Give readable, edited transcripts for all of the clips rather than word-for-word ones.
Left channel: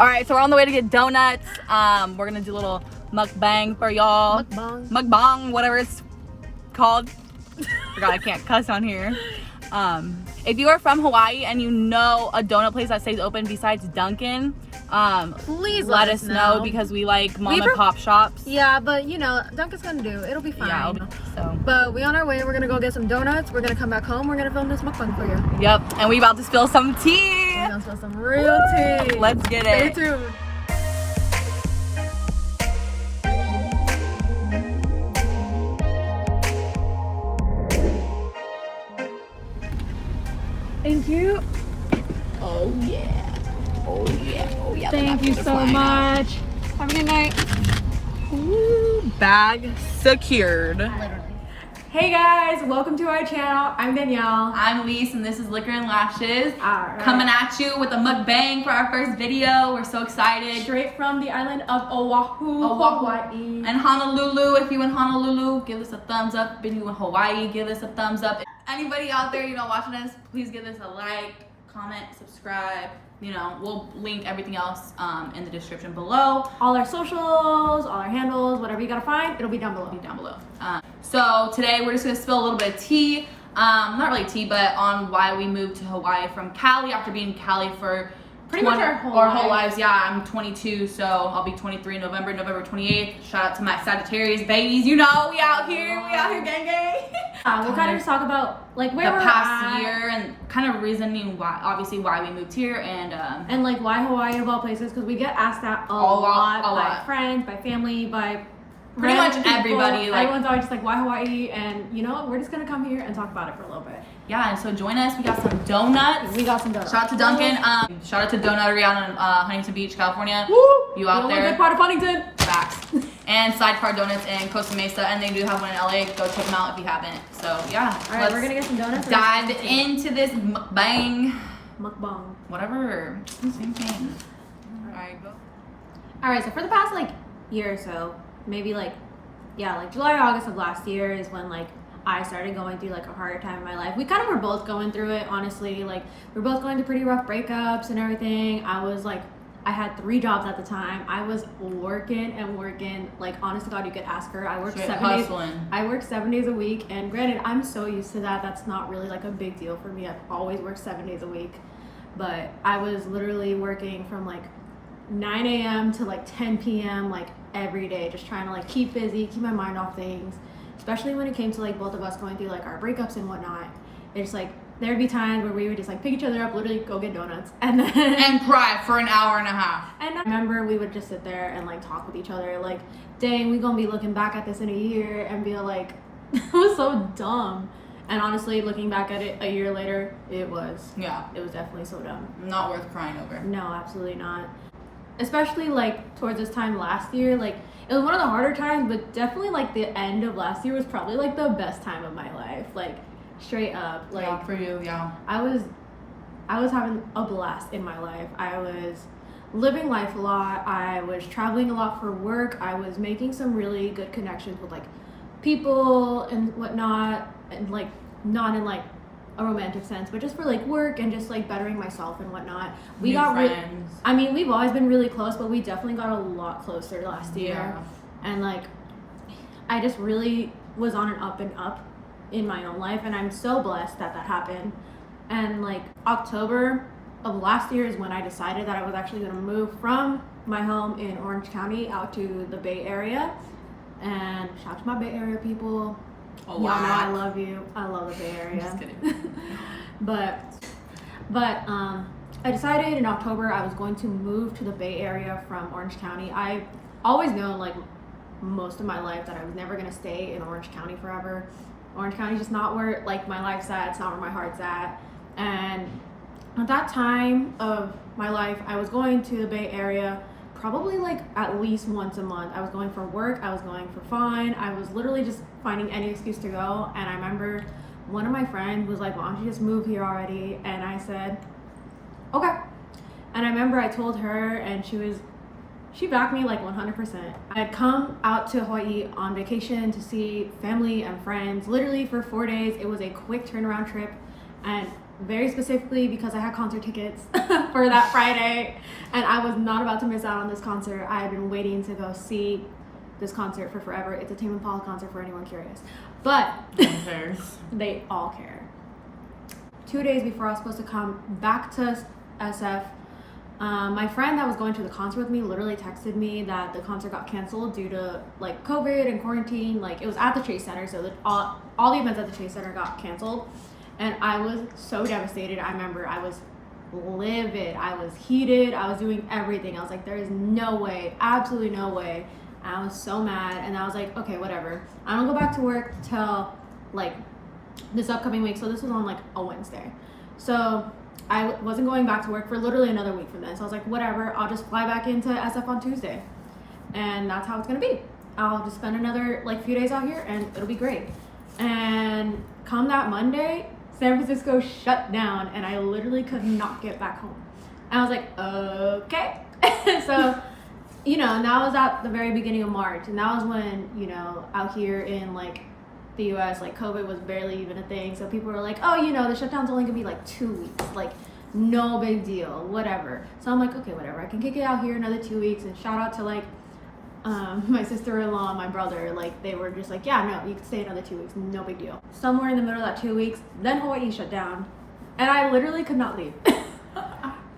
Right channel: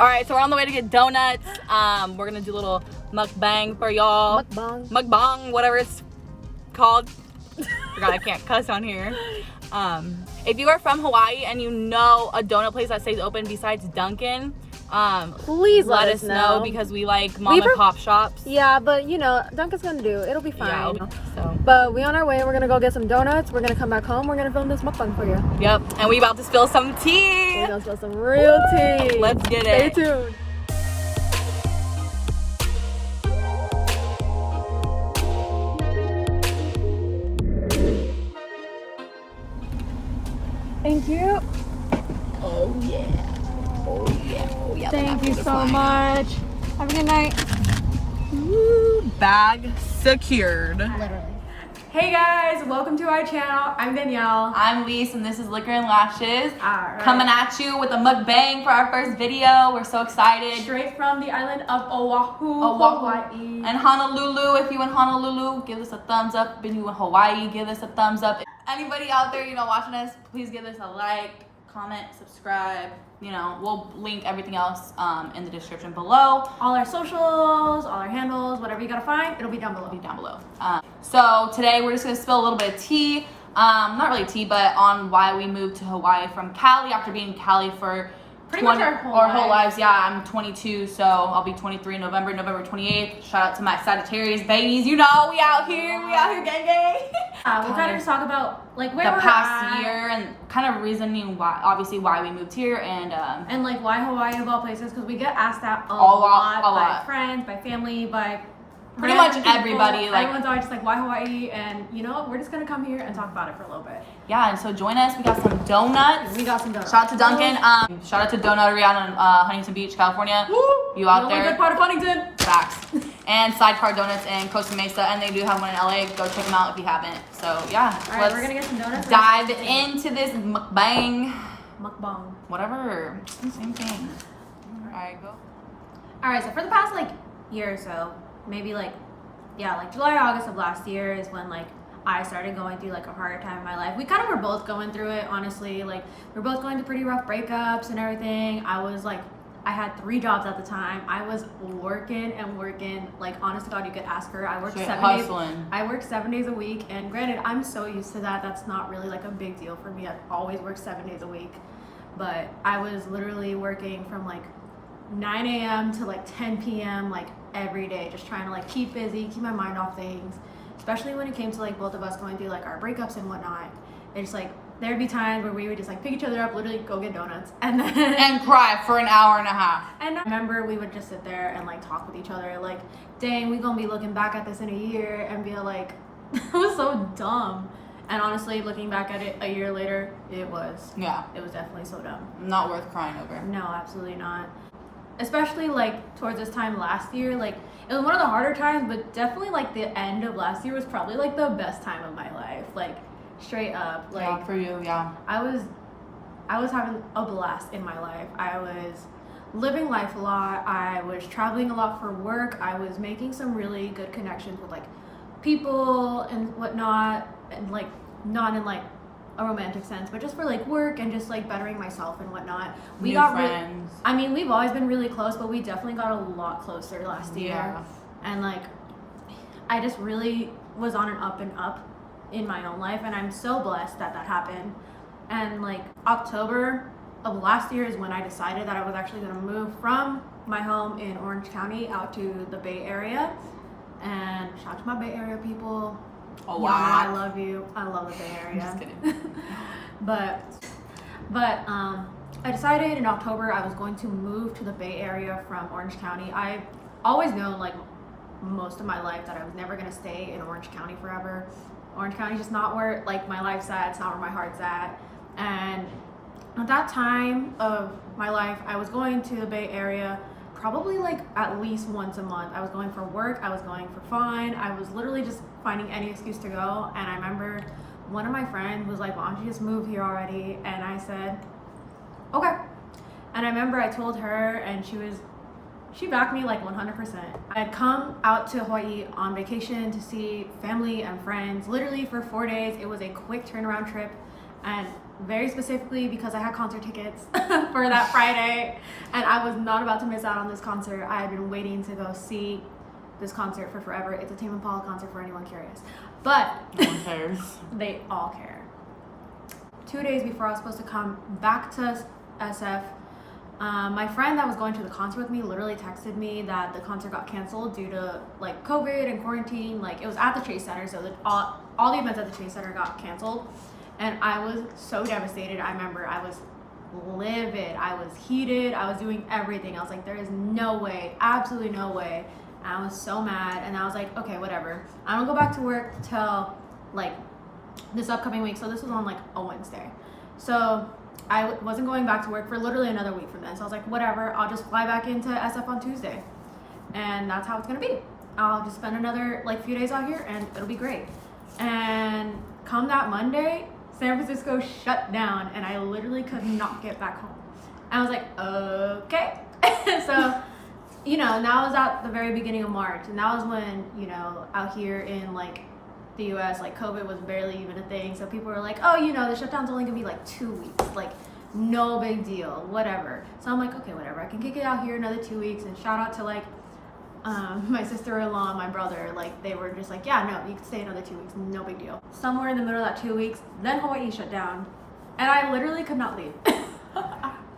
All right, so we're on the way to get donuts. We're gonna do a little mukbang for y'all. Mukbang, whatever it's called. Forgot I can't cuss on here. If you are from Hawaii and you know a donut place that stays open besides Dunkin', please let us know because we like mom and pop shops. Yeah, but you know, Dunkin's gonna do. It'll be fine. Yeah, so. But we on our way. We're gonna go get some donuts. We're gonna come back home. We're gonna film this mukbang for you. Yep, and we about to spill some tea. We're gonna spill some real tea. Let's get it. Stay tuned. Thank you. Oh yeah. Oh yeah. Oh yeah. Thank you so much. Have a good night. Woo, bag secured. Literally. Hey guys, welcome to our channel. I'm Danielle. I'm Lise, and this is Liquor and Lashes. Alright. Coming at you with a mukbang for our first video. We're so excited. Straight from the island of Oahu, Hawaii. And Honolulu. If you're in Honolulu, give us a thumbs up. If you're in Hawaii, give us a thumbs up. Anybody out there, watching us, please give us a like, comment, subscribe. We'll link everything else in the description below. All our socials, all our handles, whatever you gotta find, it'll be down below. So today we're just gonna spill a little bit of tea. Not really tea, but on why we moved to Hawaii from Cali after being in Cali for Pretty much our whole lives. Yeah, I'm 22, so I'll be 23 in November 28th. Shout out to my Sagittarius babies. We out here, gang gang. We'll kind of just talk about like where the we're past at. year and kind of reasoning why we moved here and like why Hawaii of all places, because we get asked that a lot by friends, by family, by pretty much people. everybody. Everyone's always just like, why Hawaii? And we're just gonna come here and talk about it for a little bit. Yeah, and so join us. We got some donuts. Shout out to Dunkin'. Shout out to Donutery out in Huntington Beach, California. Woo! You out the there? only good part of Huntington. Facts. And Sidecar Donuts in Costa Mesa, and they do have one in LA. Go check them out if you haven't. So yeah. All right, we're gonna get some donuts. Dive into this mukbang. Mukbang. Whatever. Same thing. All right, go. All right, so for the past year or so, maybe July, August of last year is when I started going through a harder time in my life. We kind of were both going through it, honestly. We're both going through pretty rough breakups and everything. I had 3 jobs at the time. I was working and working. Honest to God, you could ask her. I worked 7 days. I worked 7 days a week, and granted, I'm so used to that. That's not really a big deal for me. I've always worked 7 days a week, but I was literally working from 9 a.m. to 10 p.m. every day, just trying to keep busy, keep my mind off things. Especially when it came to both of us going through our breakups and whatnot. It's there'd be times where we would just pick each other up, literally go get donuts, and then and cry for an hour and a half. And I remember we would just sit there and talk with each other, dang, we gonna be looking back at this in a year and be like, that was so dumb. And honestly, looking back at it a year later, it was definitely so dumb. Not worth crying over. No, absolutely not. Especially towards this time last year, it was one of the harder times, but definitely the end of last year was probably the best time of my life. Straight up, yeah, for you, yeah. I was having a blast in my life. I was living life a lot. I was traveling a lot for work. I was making some really good connections with people and whatnot, and not in a romantic sense, but just for work and just bettering myself and whatnot. We got friends. We've always been really close, but we definitely got a lot closer last year. Yeah. And I just really was on an up and up in my own life, and I'm so blessed that happened. And October of last year is when I decided that I was actually going to move from my home in Orange County out to the Bay Area. And shout out to my Bay Area people. Y'all know I love you. I love the Bay Area. Just kidding. but I decided in October I was going to move to the Bay Area from Orange County. I've always known most of my life that I was never going to stay in Orange County forever. Orange County is just not where my life's at. It's not where my heart's at. And at that time of my life, I was going to the Bay Area probably at least once a month. I was going for work, I was going for fun, I was literally just finding any excuse to go. And I remember one of my friends was like, why don't you just move here already? And I said, okay. And I remember I told her, and she backed me 100%. I had come out to Hawaii on vacation to see family and friends, literally for 4 days. It was a quick turnaround trip, and very specifically because I had concert tickets for that Friday, and I was not about to miss out on this concert. I had been waiting to go see this concert for forever. It's a Tame Impala concert for anyone curious, but No one cares. they all care. 2 days before I was supposed to come back to SF, my friend that was going to the concert with me literally texted me that the concert got canceled due to like COVID and quarantine. Like, it was at the Chase Center, so that all the events at the Chase Center got canceled, and I was so devastated. I remember I was livid, I was heated, I was doing everything. I was like, there is no way, absolutely no way. And I was so mad, and I was like, okay, whatever. I don't go back to work till like this upcoming week. So this was on like a Wednesday. So I wasn't going back to work for literally another week from then. So I was like, whatever, I'll just fly back into SF on Tuesday. And that's how it's gonna be. I'll just spend another like few days out here and it'll be great. And come that Monday, San Francisco shut down and I literally could not get back home. And I was like, okay. So, you know, and that was at the very beginning of March. And that was when, you know, out here in like the US, like COVID was barely even a thing. So people were like, oh, you know, the shutdown's only gonna be like 2 weeks, like no big deal, whatever. So I'm like, okay, whatever, I can kick it out here another 2 weeks. And shout out to like my sister-in-law and my brother, like they were just like, yeah, no, you can stay another 2 weeks, no big deal. Somewhere in the middle of that 2 weeks, then Hawaii shut down and I literally could not leave.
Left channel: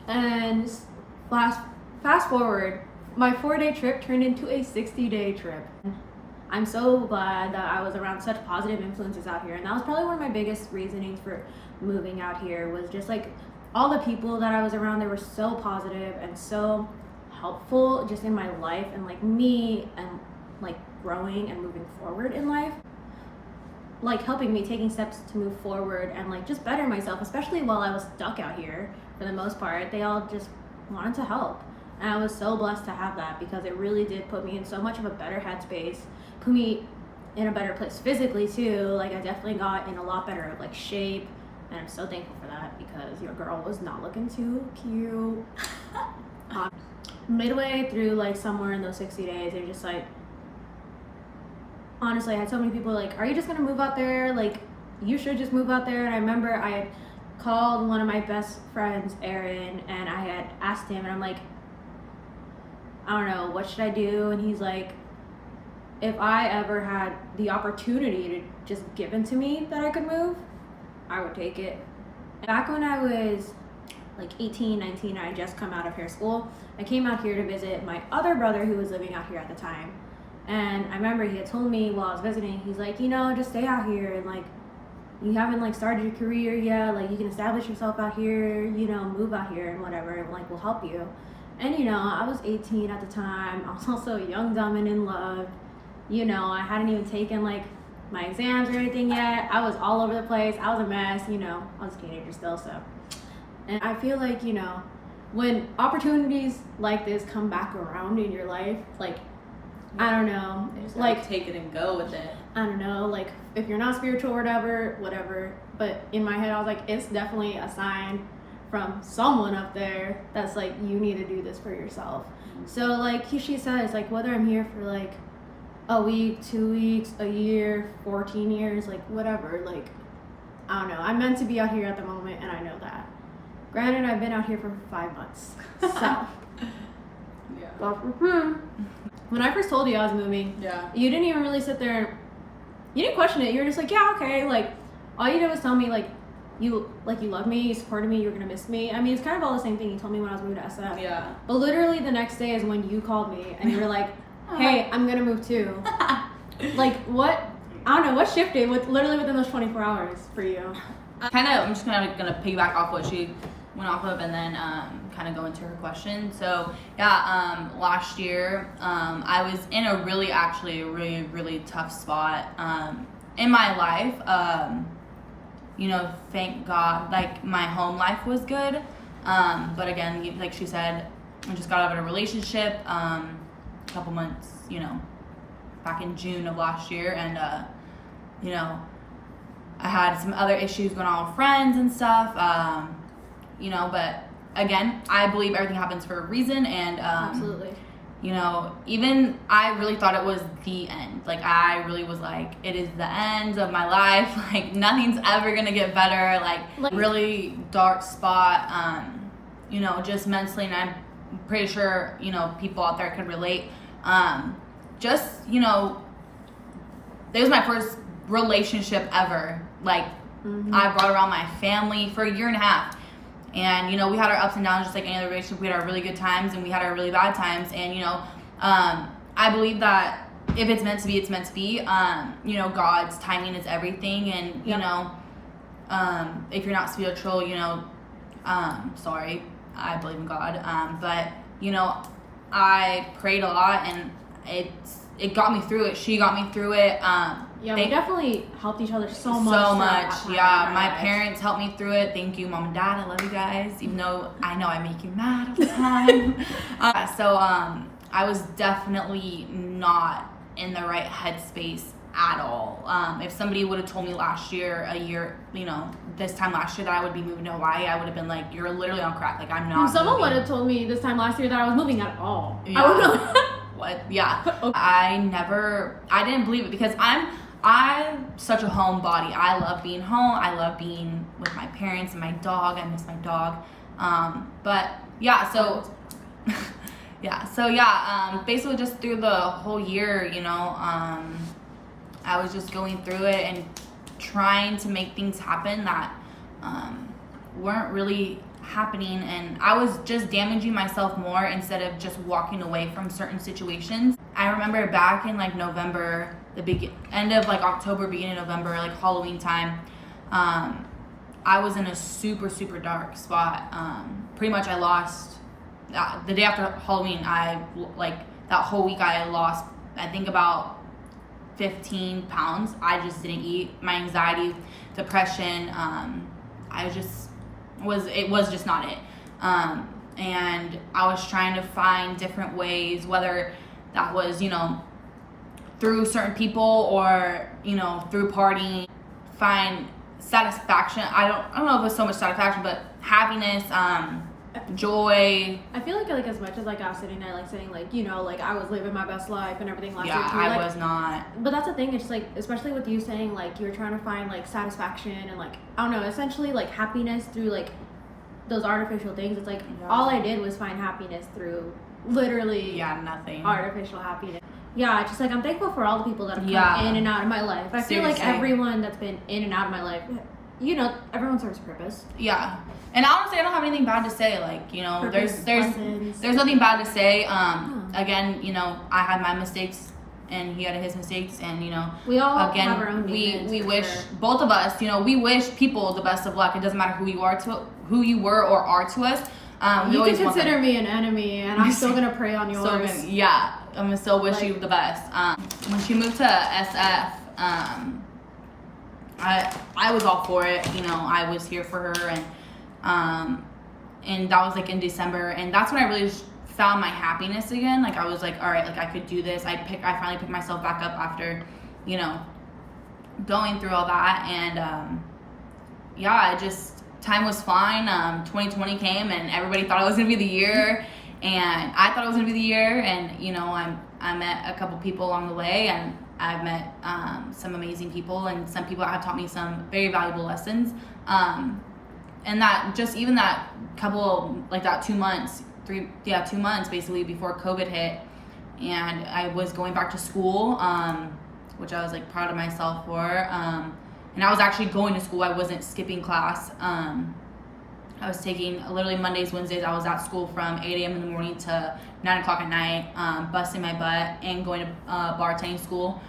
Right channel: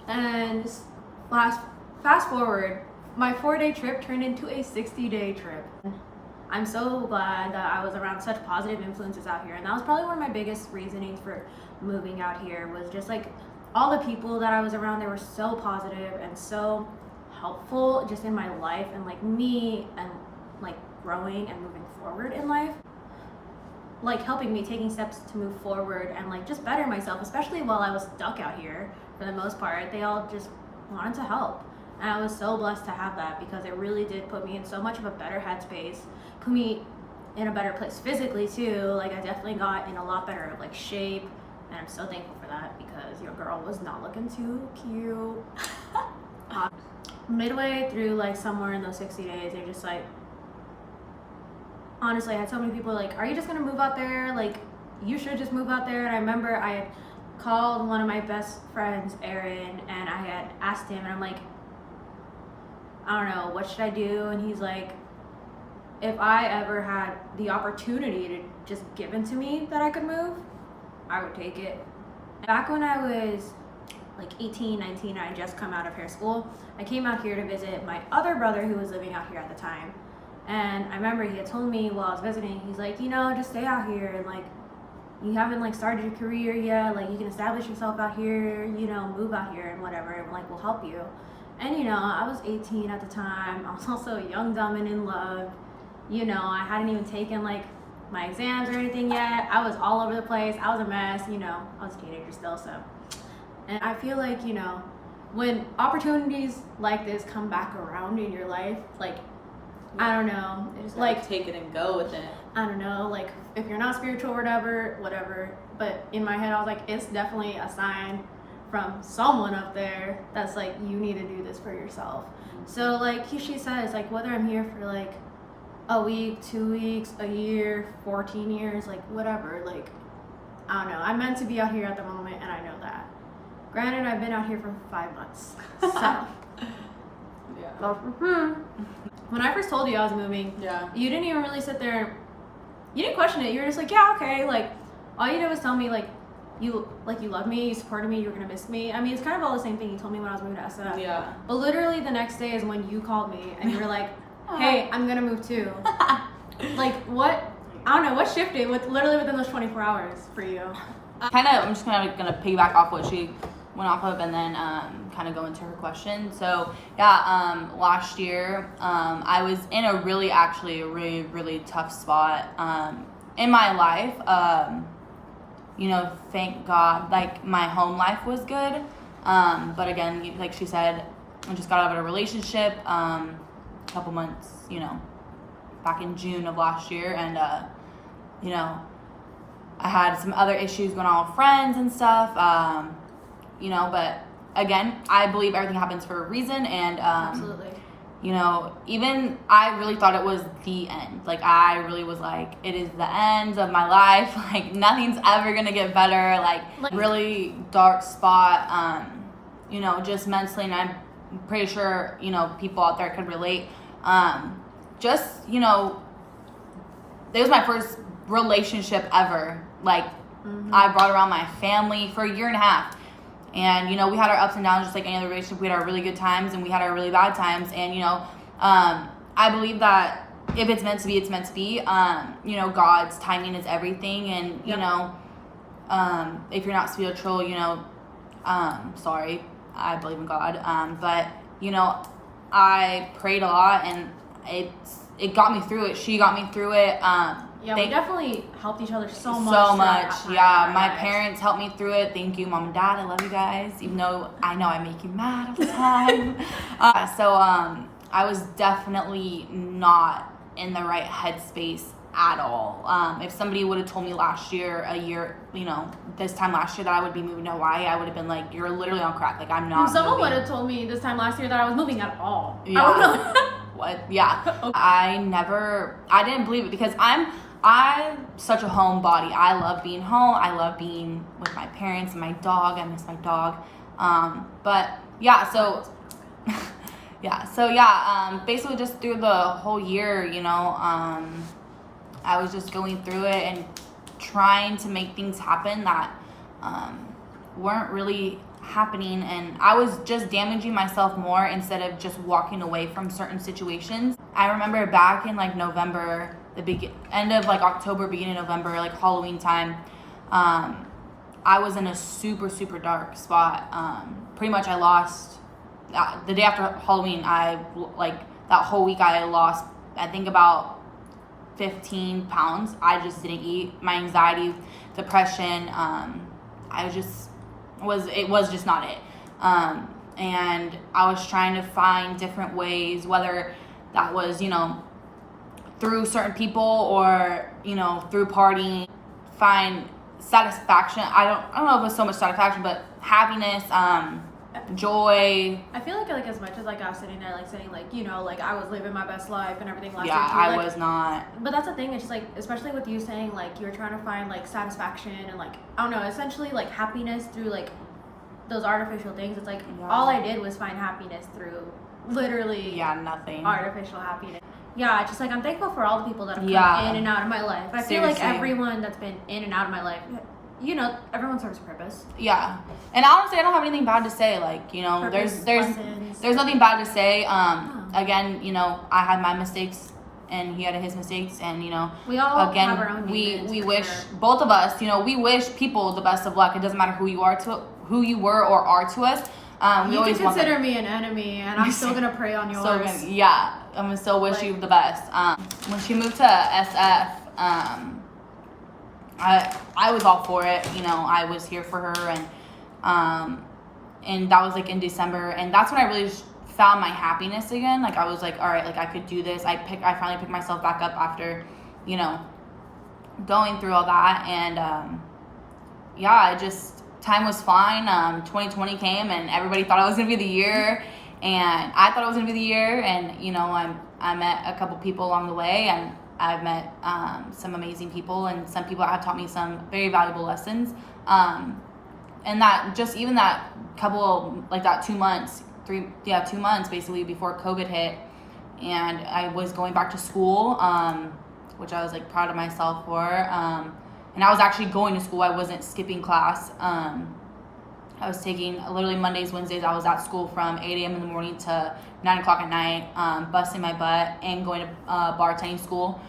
And fast forward, my 4-day trip turned into a 60-day trip. I'm so glad that I was around such positive influences out here. And that was probably one of my biggest reasonings for moving out here, was just like all the people that I was around. They were so positive and so helpful just in my life and like me and like growing and moving forward in life. Like helping me, taking steps to move forward and like just better myself, especially while I was stuck out here for the most part. They all just wanted to help. And I was so blessed to have that because it really did put me in so much of a better headspace, put me in a better place physically too. Like I definitely got in a lot better like shape, and I'm so thankful for that because your girl was not looking too cute. Midway through like somewhere in those 60 days, they're just like, honestly, I had so many people like, are you just gonna move out there? Like, you should just move out there. And I remember I had called one of my best friends, Aaron, and I had asked him, and I'm like, I don't know, what should I do? And he's like, if I ever had the opportunity to just given to me that I could move, I would take it. Back when I was like 18, 19, I had just come out of hair school. I came out here to visit my other brother who was living out here at the time. And I remember he had told me while I was visiting, he's like, you know, just stay out here and like, you haven't like started your career yet, like you can establish yourself out here, you know, move out here and whatever, and like we'll help you. And you know, I was 18 at the time. I was also young, dumb, and in love. You know, I hadn't even taken like my exams or anything yet. I was all over the place. I was a mess, you know, I was a teenager still, so. And I feel like, you know, when opportunities like this come back around in your life, like, I don't know, Just like take it and go with it. I don't know, like if you're not spiritual or whatever. But in my head, I was like, it's definitely a sign from someone up there that's like, you need to do this for yourself. So like she says, like whether I'm here for like a week, 2 weeks, a year, 14 years, like whatever, like I don't know, I'm meant to be out here at the moment and I know that. Granted, I've been out here for 5 months, so Yeah. When I first told you I was moving, Yeah. you didn't even really sit there, you didn't question it. You were just like, yeah, okay, like all you did was tell me like you love me, you supported me, you were gonna miss me. I mean, it's kind of all the same thing you told me when I was moving to SF. Yeah. But literally the next day is when you called me and you were like, hey, I'm gonna move too. Like what, I don't know, what shifted literally within those 24 hours for you? I'm just gonna piggyback off what she went off of and then kind of go into her question. So yeah, last year I was in a really tough spot in my life. You know, thank God, like my home life was good, but again, like she said, I just got out of a relationship a couple months, you know, back in June of last year, and you know, I had some other issues going on with friends and stuff, you know, but again, I believe everything happens for a reason, and Absolutely. you know, even I really thought it was the end. Like, I really was like, it is the end of my life. Like, nothing's ever gonna get better. Like really dark spot, you know, just mentally. And I'm pretty sure, you know, people out there could relate. Just, you know, it was my first relationship ever. Like, I brought around my family for a year and a half. And, you know, we had our ups and downs just like any other relationship. We had our really good times and we had our really bad times. And, you know, I believe that if it's meant to be, it's meant to be. You know, God's timing is everything. And, you know, if you're not spiritual, you know, sorry, I believe in God. But, you know, I prayed a lot and it got me through it. She got me through it. Yeah, we definitely helped each other so much. So much, yeah. My parents helped me through it. Thank you, Mom and Dad. I love you guys, even though I know I make you mad all the time. So I was definitely not in the right headspace at all. If somebody would have told me a year, you know, this time last year that I would be moving to Hawaii, I would have been like, you're literally on crack. Like, I'm not. If someone would have told me this time last year that I was moving at all, yeah. I would have. What? Yeah. Okay. I didn't believe it because I'm such a homebody. I love being home. I love being with my parents and my dog. I miss my dog. But yeah, so basically just through the whole year, you know, I was just going through it and trying to make things happen that weren't really happening, and I was just damaging myself more instead of just walking away from certain situations. I remember back in like November, end of like October, beginning of November, like Halloween time, I was in a super dark spot. Pretty much I lost the day after Halloween. That whole week I lost, I think, about 15 pounds. I just didn't eat. My anxiety, depression, it was just not it. And I was trying to find different ways, whether that was, you know, through certain people or, you know, through partying, find satisfaction. I don't know if it's so much satisfaction, but happiness, joy. I feel like as much as like I was sitting there like saying like, you know, like I was living my best life and everything last year too. I was not. But that's the thing, it's just like, especially with you saying like you were trying to find like satisfaction and like, I don't know, essentially like happiness through like those artificial things. It's like all I did was find happiness through literally nothing. Artificial happiness. Yeah, it's just like I'm thankful for all the people that have come in and out of my life. I feel like everyone that's been in and out of my life, you know, everyone serves a purpose. Yeah. And honestly, I don't have anything bad to say. Like, you know, there's nothing bad to say. Again, you know, I had my mistakes and he had his mistakes, and, you know, we all have our own demons. We wish both of us, you know, we wish people the best of luck. It doesn't matter who you were or are to us. You can consider me an enemy, and I'm still gonna pray on yours. I'm gonna still wish you the best. When she moved to SF, I was all for it. You know, I was here for her, and that was like in December, and that's when I really found my happiness again. Like, I was like, all right, like I could do this. I finally picked myself back up after, you know, going through all that, and time was fine. 2020 came and everybody thought it was gonna be the year, and I thought it was gonna be the year, and, you know, I met a couple people along the way, and I've met some amazing people, and some people have taught me some very valuable lessons. And that just even that couple, like that 2 months, 2 months basically before COVID hit, and I was going back to school, which I was like proud of myself for. And I was actually going to school. I wasn't skipping class. I was taking literally Mondays, Wednesdays. I was at school from 8 a.m. in the morning to 9 o'clock at night, busting my butt and going to bartending school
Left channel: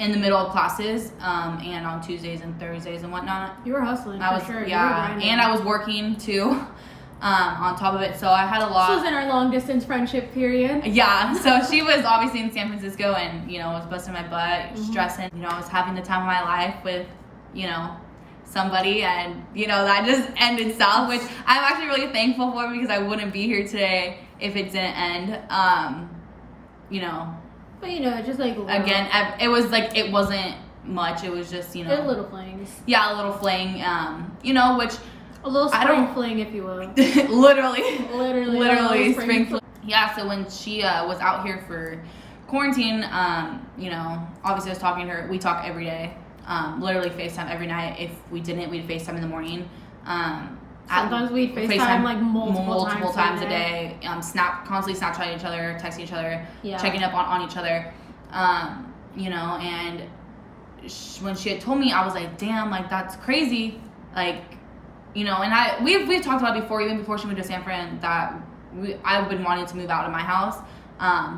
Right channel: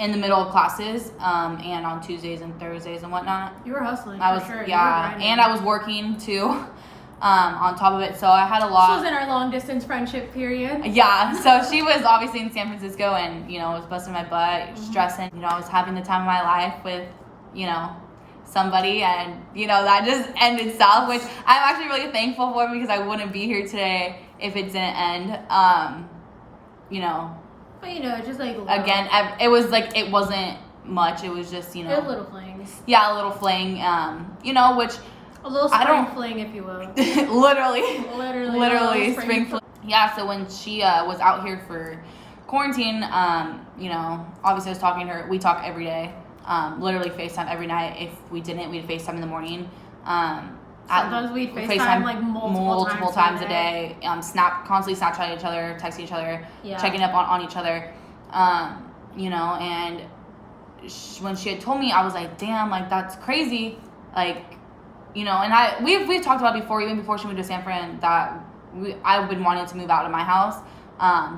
in the middle of classes, and on Tuesdays and Thursdays and whatnot. You were hustling, for sure. Yeah, you were grinding. And I was working too. On top of it, so I had a lot. This was in our long distance friendship period. Yeah, so she was obviously in San Francisco, and, you know, I was busting my butt, stressing. You know, I was having the time of my life with, you know, somebody, and, you know, that just ended south, which I'm actually really thankful for, because I wouldn't be here today if it didn't end. You know. But, you know, it's just like again, it was like it wasn't much. It was just, you know, little flings. Yeah, a little fling. You know, which. A little spring fling, if you will. literally spring fling. yeah, so when she was out here for quarantine, you know, obviously I was talking to her. We talk every day, literally FaceTime every night. If we didn't, we'd FaceTime in the morning. Sometimes we'd FaceTime like multiple times a day. Constantly Snapchatting each other, texting each other, checking up on each other. You know, and when she had told me, I was like, damn, like that's crazy. Like, you know, and we've talked about before, even before she moved to San Fran, that I've been wanting to move out of my house.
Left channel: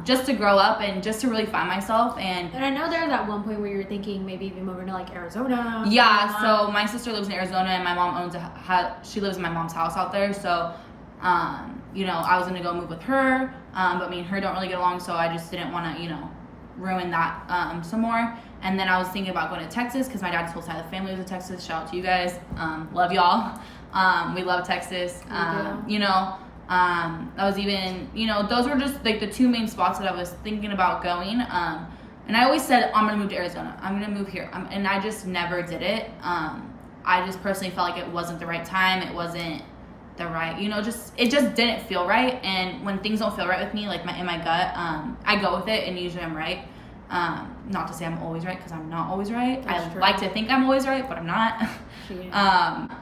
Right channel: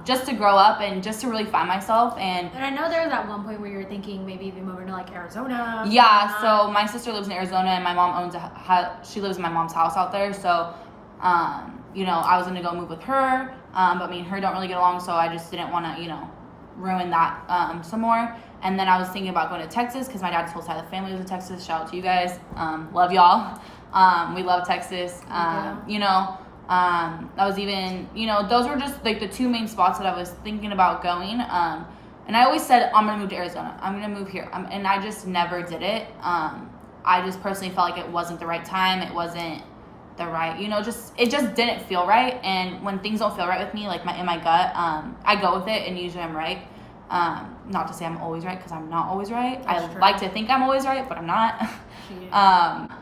Just to grow up and just to really find myself. And I know there was at one point where you were thinking maybe even moving to like Arizona. Yeah, so my sister lives in Arizona and my mom she lives in my mom's house out there. So, you know, I was going to go move with her, but me and her don't really get along. So I just didn't want to, you know, ruin that some more. And then I was thinking about going to Texas because my dad's whole side of the family lives in Texas. Shout out to you guys. Love y'all. We love Texas. You know, I was even, you know, those were just like the two main spots that I was thinking about going. And I always said, I'm going to move to Arizona. I'm going to move here. And I just never did it. I just personally felt like it wasn't the right time. It wasn't the right, you know, it just didn't feel right. And when things don't feel right with me, like in my gut, I go with it and usually I'm right. Not to say I'm always right because I'm not always right. That's I true. like to think I'm always right, but I'm not.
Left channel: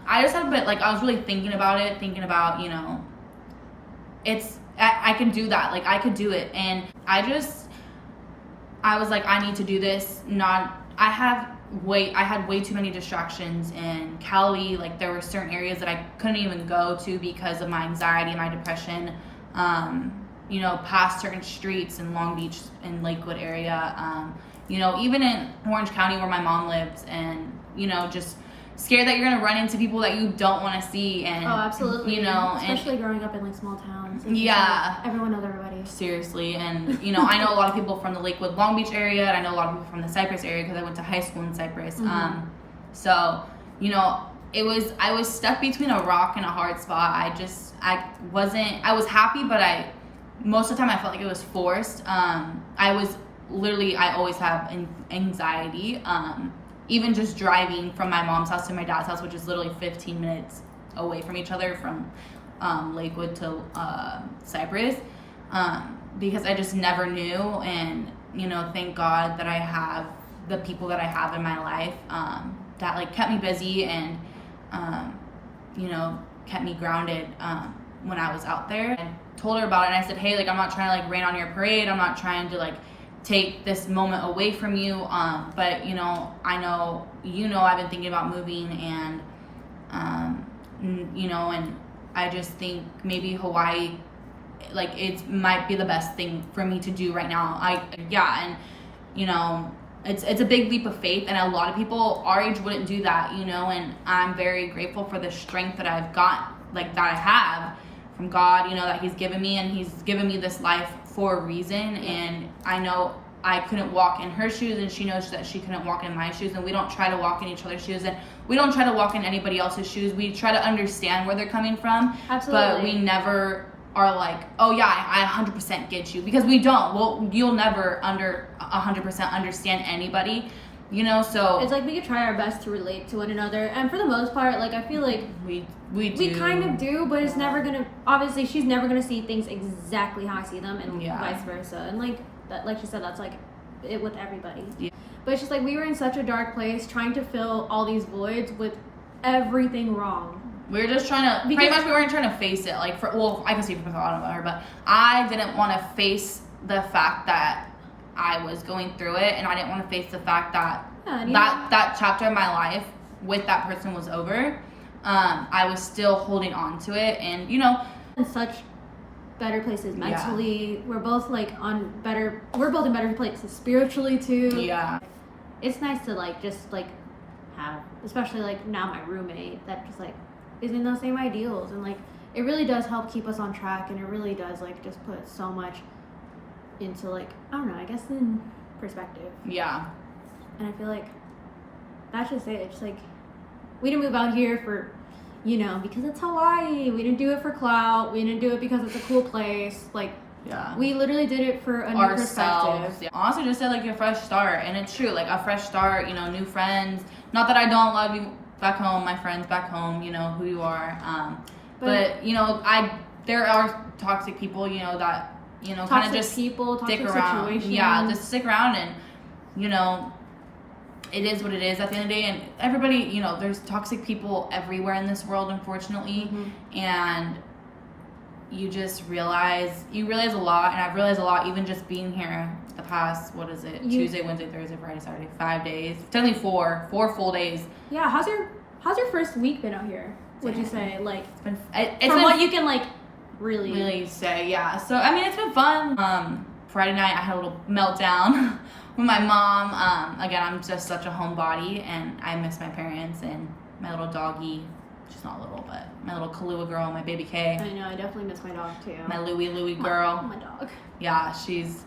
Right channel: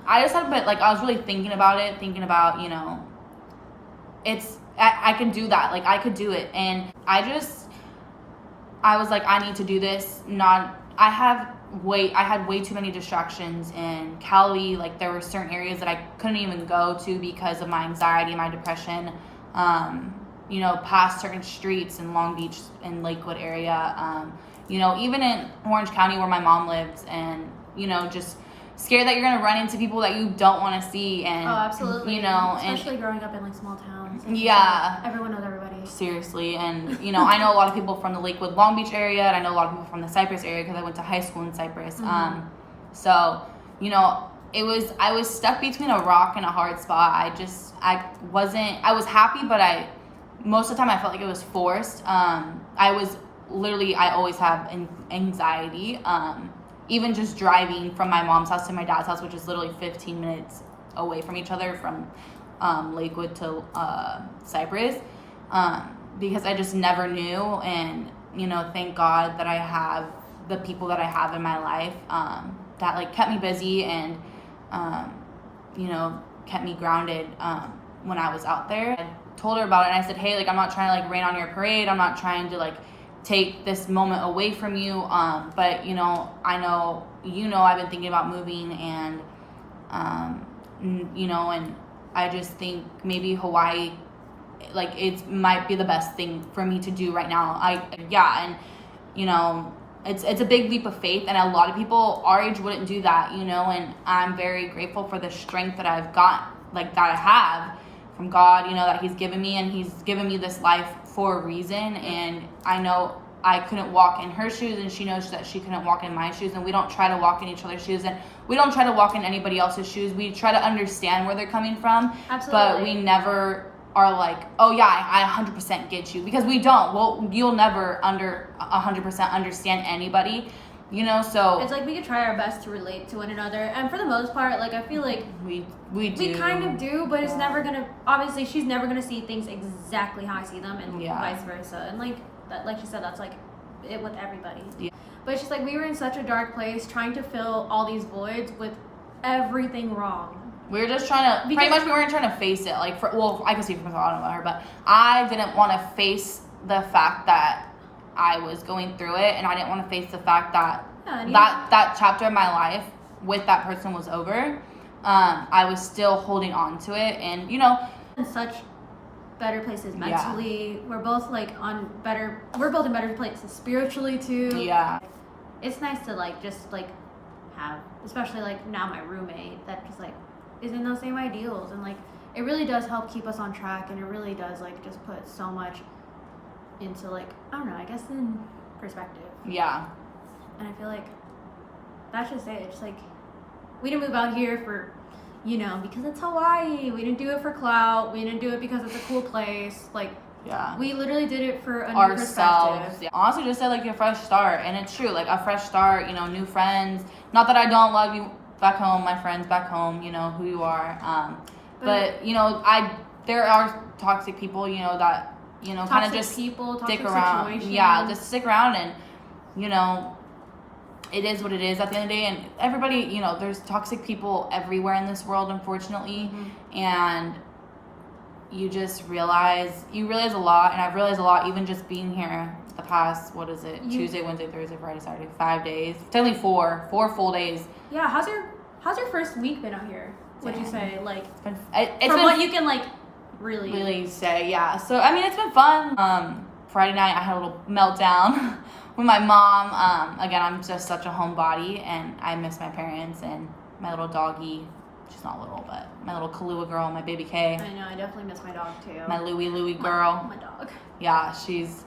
I just had, but like I was really thinking about, you know, I can do that. Like I could do it. And I was like, I need to do this. I had way too many distractions in Cali. Like there were certain areas that I couldn't even go to because of my anxiety, my depression. You know, past certain streets in Long Beach and Lakewood area. You know, even in Orange County where my mom lives, and you know, just scared that you're gonna run into people that you don't want to see. And absolutely, you know, especially growing up in like small towns. Yeah, like, everyone knows everybody. Seriously, and you know, I know a lot of people from the Lakewood, Long Beach area, and I know a lot of people from the Cypress area because I went to high school in Cypress. So you know, I was stuck between a rock and a hard spot. I was happy, but most of the time I felt like it was forced. I always have anxiety. Even just driving from my mom's house to my dad's house, which is literally 15 minutes away from each other from Lakewood to Cypress, because I just never knew. And, you know, thank God that I have the people that I have in my life that, like, kept me busy and, you know, kept me grounded when I was out there. I told her about it, and I said, hey, like, I'm not trying to, like, rain on your parade. I'm not trying to, like, take this moment away from you, but you know, I know I've been thinking about moving, and you know, and I just think maybe Hawaii, like, it might be the best thing for me to do right now. And you know, it's a big leap of faith, and a lot of people our age wouldn't do that, you know, and I'm very grateful for the strength that I've got, like, that I have from God, you know, that he's given me, and he's given me this life for a reason. And I know I couldn't walk in her shoes, and she knows that she couldn't walk in my shoes, and we don't try to walk in each other's shoes, and we don't try to walk in anybody else's shoes. We try to understand where they're coming from. Absolutely. But we never are like, oh yeah, I 100% get you, because we don't. Well, you'll never 100% understand anybody, you know. So it's like we could try our best to relate to one another, and for the most part, like, I feel like we kind of do, but it's never gonna, obviously she's never gonna see things exactly how I see them, and vice versa. And like she said, that's like it with everybody. Yeah. But it's just like we were in such a dark place trying to fill all these voids with everything wrong. We were just trying to, pretty much we weren't trying to face it. Like, I can speak for myself, I don't know about her, but I didn't want to face the fact that I was going through it, and I didn't want to face the fact that that chapter of my life with that person was over. I was still holding on to it, and you know, in such better places mentally. We're both like we're both in better places spiritually too. Yeah. It's nice to like just like have, especially like now my roommate that just like is in those same ideals, and like it really does help keep us on track, and it really does like just put so much into, like, I don't know, I guess in perspective. Yeah. And I feel like that's just it. It's like we didn't move out here for, you know, because it's Hawaii. We didn't do it for clout. We didn't do it because it's a cool place. Like, we literally did it for a new perspective. Yeah. Honestly, just said like your fresh start, and it's true. Like a fresh start, you know, new friends. Not that I don't love you back home, my friends back home. You know who you are. But you know, I there are toxic people, you know, that, you know, kind of just people, stick toxic around. situations. Yeah, just stick around, and, you know, it is what it is at the end of the day. And everybody, you know, there's toxic people everywhere in this world, unfortunately. And you just realize a lot, and I've realized a lot even just being here the past, Tuesday, Wednesday, Thursday, Friday, Saturday, 5 days. Technically four full days. Yeah, how's your first week been out here? Would you say, like, it's from been, what you can, like, really say, yeah. So I mean, it's been fun. Friday night I had a little meltdown with my mom. Again, I'm just such a homebody, and I miss my parents and my little doggy. She's not little, but my little Kahlua girl, my baby K. I know, I definitely miss my dog too. My Louie girl. My dog. Yeah, she's.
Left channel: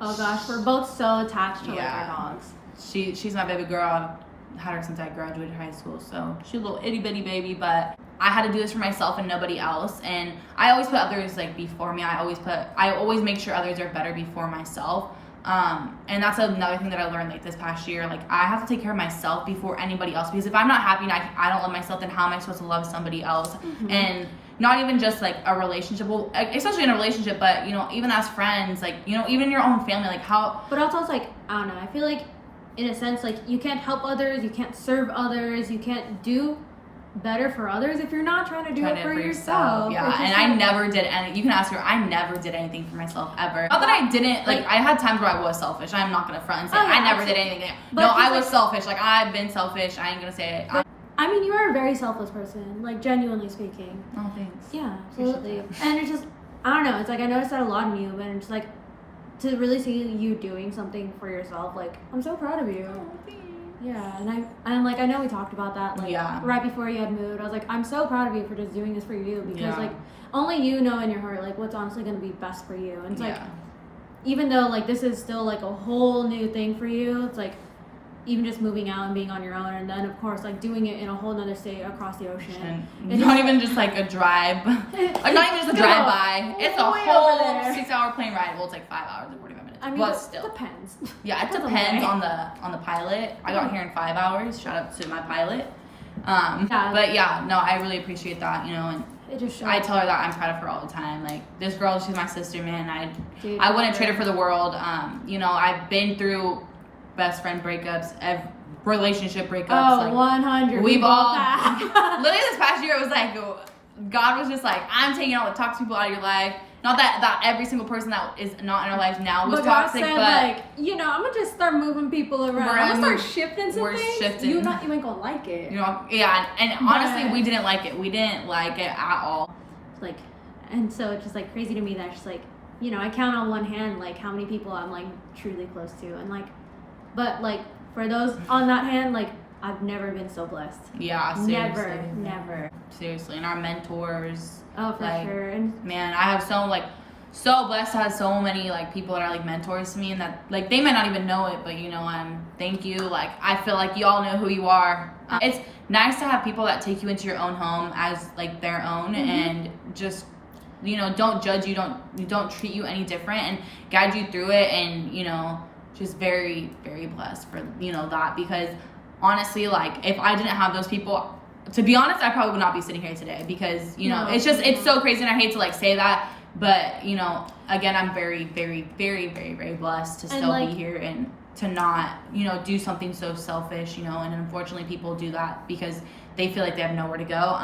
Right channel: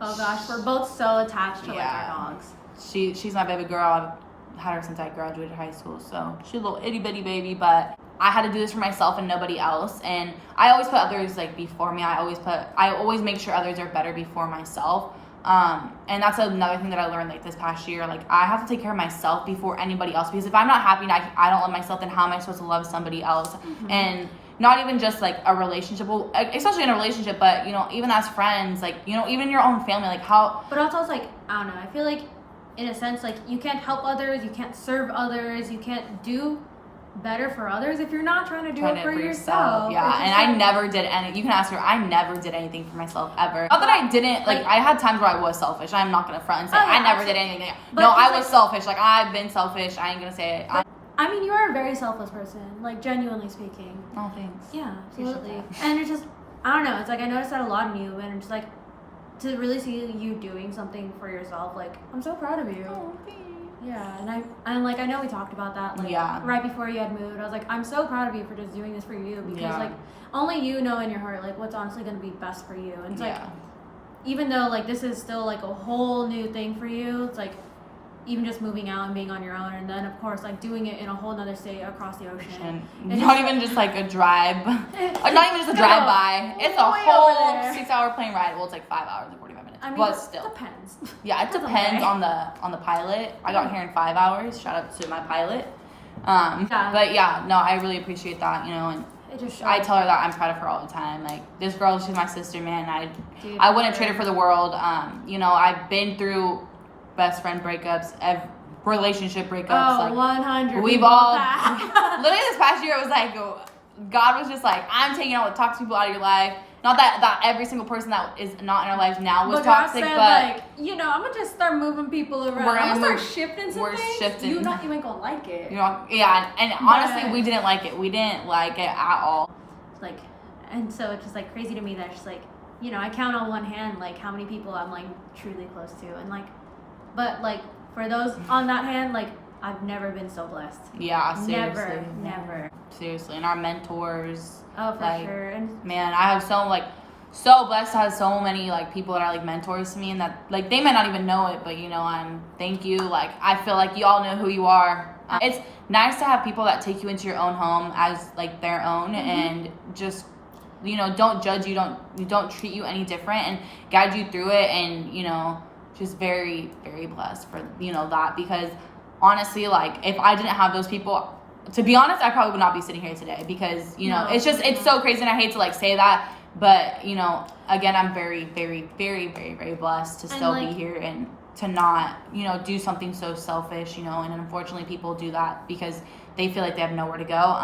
Oh gosh, we're both so attached to like our dogs. She's my baby girl. I've had her since I graduated high school, so she's a little itty bitty baby, but I had to do this for myself and nobody else. And I always put others like before me. I always make sure others are better before myself. And that's another thing that I learned like this past year. Like, I have to take care of myself before anybody else, because if I'm not happy and I don't love myself, then how am I supposed to love somebody else? And not even just like a relationship, well, especially in a relationship, but you know, even as friends, like, you know, even your own family, like how. But also, it's like, I don't know, I feel like in a sense, like, you can't help others, you can't serve others, you can't do better for others if you're not trying to do it for yourself. Yeah, and I never did any. You can ask her. I never did anything for myself ever. Not that I didn't. Like, I had times where I was selfish. I'm not gonna front and say I never did anything. No, I was selfish. Like, I've been selfish. I ain't gonna say it. I mean, you are a very selfless person. Like, genuinely speaking. Oh, thanks. Yeah, absolutely. And it's just, I don't know. It's like, I noticed that a lot in you, and it's like, to really see you doing something for yourself. Like, I'm so proud of you. Oh, thanks. Yeah, and like, I know we talked about that, like, right before you had moved. I was like, I'm so proud of you for just doing this for you, because like, only you know in your heart, like, what's honestly going to be best for you. And it's like, even though like this is still like a whole new thing for you, it's like, even just moving out and being on your own, and then of course like doing it in a whole nother state across the ocean. It's not even just like a drive, like not even just a drive by. It's a whole 6 hour plane ride. Well, it's like 5 hours and 45 minutes. I mean, but still, it depends. Yeah, it depends on the pilot. I got here in 5 hours. Shout out to my pilot. But yeah, no, I really appreciate that, you know, and it just I tell her that I'm proud of her all the time. Like, this girl, she's my sister, man. I wouldn't trade her for the world. You know, I've been through best friend breakups, relationship breakups. Oh, like, 100. We've all literally this past year, it was like God was just like, I'm taking all the toxic people out of your life. Not that every single person that is not in our life now was toxic, God said, but like, you know, I'm gonna just start moving people around. I'm gonna start shifting some things. Shifting. You ain't gonna like it. You know, yeah, and honestly, we didn't like it. We didn't like it at all. Like, and so it's just like crazy to me that it's just like, you know, I count on one hand like how many people I'm like truly close to, and like, but like for those on that hand, like, I've never been so blessed. Yeah, seriously. Never. Seriously, and our mentors. Oh, for sure. And man, I have so blessed to have so many like people that are like mentors to me, and that like they might not even know it, but you know, thank you. Like, I feel like y'all know who you are. It's nice to have people that take you into your own home as like their own, and just, you know, don't judge you, don't treat you any different, and guide you through it, and you know, just very, very blessed for, you know, that, because honestly, like, if I didn't have those people, to be honest, I probably would not be sitting here today, because, you know, it's just, it's so crazy, and I hate to like say that, but you know, again, I'm very, very, very, very, very blessed to still be here, and to not, you know, do something so selfish, you know, and unfortunately people do that because they feel like they have nowhere to go.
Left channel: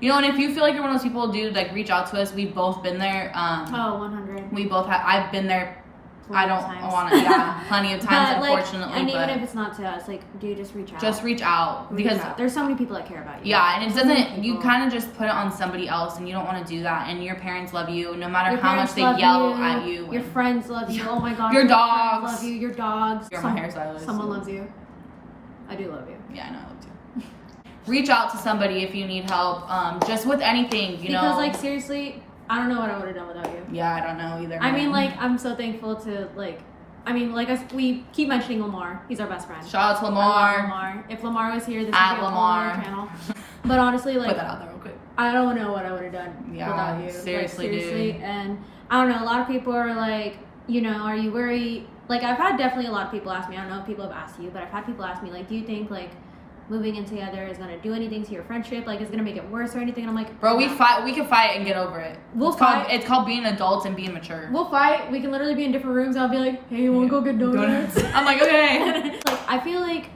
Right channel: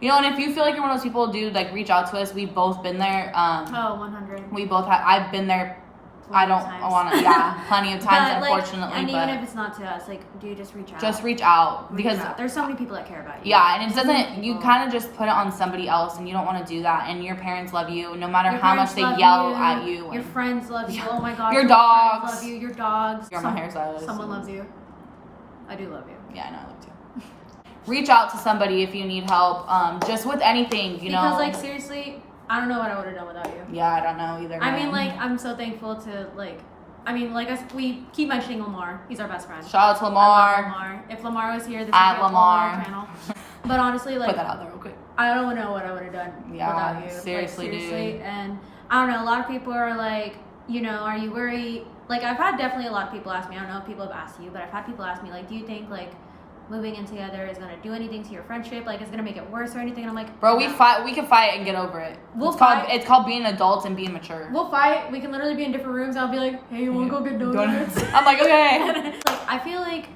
You know, and if you feel like you're one of those people, dude, like, reach out to us. We've both been there. 100. We both have. I've been there. I want to. Yeah, plenty of times, but, unfortunately. Like, and even if it's not to us, like, dude, just reach out. Just reach out, because there's so many people that care about you. Yeah, and it doesn't. You kind of just put it on somebody else, and you don't want to do that. And your parents love you, no matter how much they yell at you. Your friends love you. Oh my God. Your dogs love you. Your dogs. You're my hairstylist. Someone loves you. I do love you. Yeah, I know, I love you. Reach out to somebody if you need help. Just with anything, you know. Because like, seriously, I don't know what I would have done without you. Yeah, I don't know either. I mean, like, I'm so thankful to like. I mean, like, we keep mentioning Lamar. He's our best friend. Shout out to Lamar. I love Lamar. If Lamar was here, this would be a whole other channel. But honestly, like, put that out there real quick. I don't know what I would have done without you. Seriously, like, seriously. Dude. And I don't know. A lot of people are like, you know, are you worried? Like, I've had definitely a lot of people ask me. I don't know if people have asked you, but I've had people ask me, like, do you think like moving in together is gonna do anything to your friendship, like it's gonna make it worse or anything. And I'm like, bro, no. we can fight and get over it. We'll it's fight. It's called being adults and being mature. We'll fight. We can literally be in different rooms. I'll be like, hey, you wanna go get donuts? I'm like, okay. Like, I feel like,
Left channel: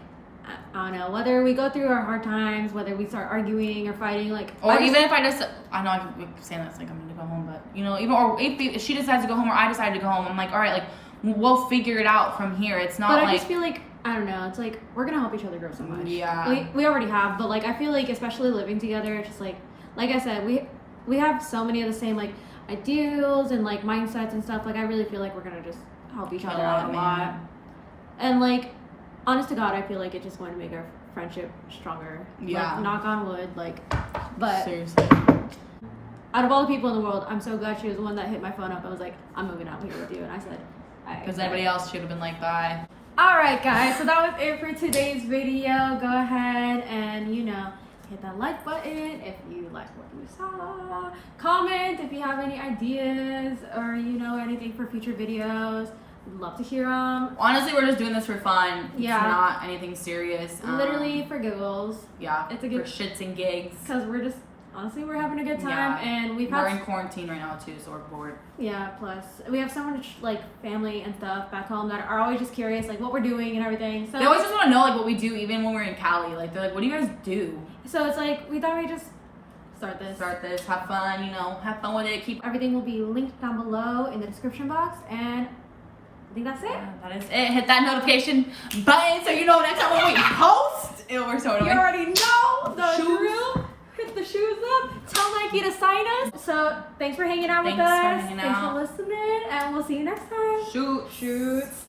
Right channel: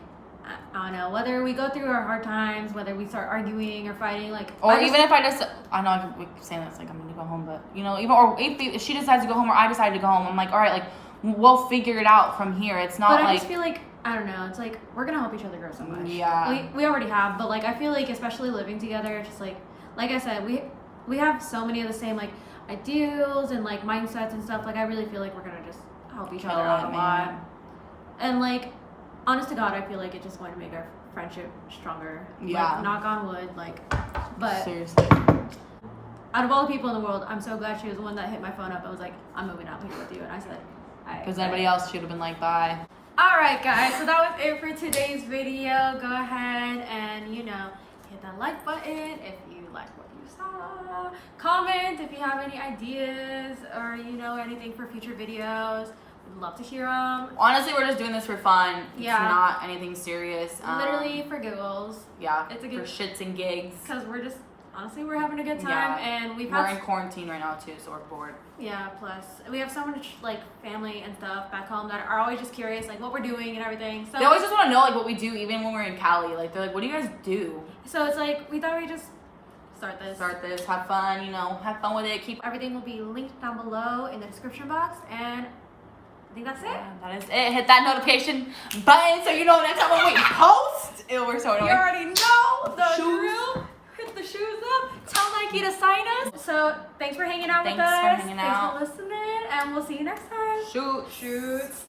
I don't know, whether we go through our hard times, whether we start arguing or fighting, like, or even if I just, I know I'm saying this like I'm gonna go home, but you know, even or if she decides to go home or I decide to go home, I'm like, all right, like we'll figure it out from here. It's not. But like, I just feel like, I don't know, it's like we're gonna help each other grow so much. Yeah. We already have, but like I feel like especially living together, it's just like I said, we have so many of the same like ideals and like mindsets and stuff. Like I really feel like we're gonna just help each other out a lot. And like, honest to God, I feel like it's just going to make our friendship stronger. Yeah. Like, knock on wood, like, but seriously. out of all the people in the world, I'm so glad she was the one that hit my phone up and was like, I'm moving out here with you. And I said, because anybody else should have been like, bye. Alright guys, so that was it for today's video. Go ahead and, you know, hit that like button if you like what you saw. Comment if you have any ideas or, you know, anything for future videos. We'd love to hear them. Honestly, we're just doing this for fun. Yeah. It's not anything serious. Literally for giggles. Yeah. It's a good for shits and gigs. Because we're just, honestly, we're having a good time. Yeah. And we're in quarantine right now too, so we're bored. Yeah, plus we have so much like family and stuff back home that are always just curious like what we're doing and everything. So they always just want to know like what we do even when we're in Cali. Like they're like, what do you guys do? So it's like we thought we'd just start this, have fun, you know, have fun with it. Keep everything will be linked down below in the description box, and I think that's it. That is it. Hit that notification button so you know next time when we post. We're so You already know the Shoes. drill. Hit the shoes up. Tell Nike to sign us. So thanks for hanging out with us. Thanks for hanging Thanks out. for listening, and we'll see you next time. Shoot.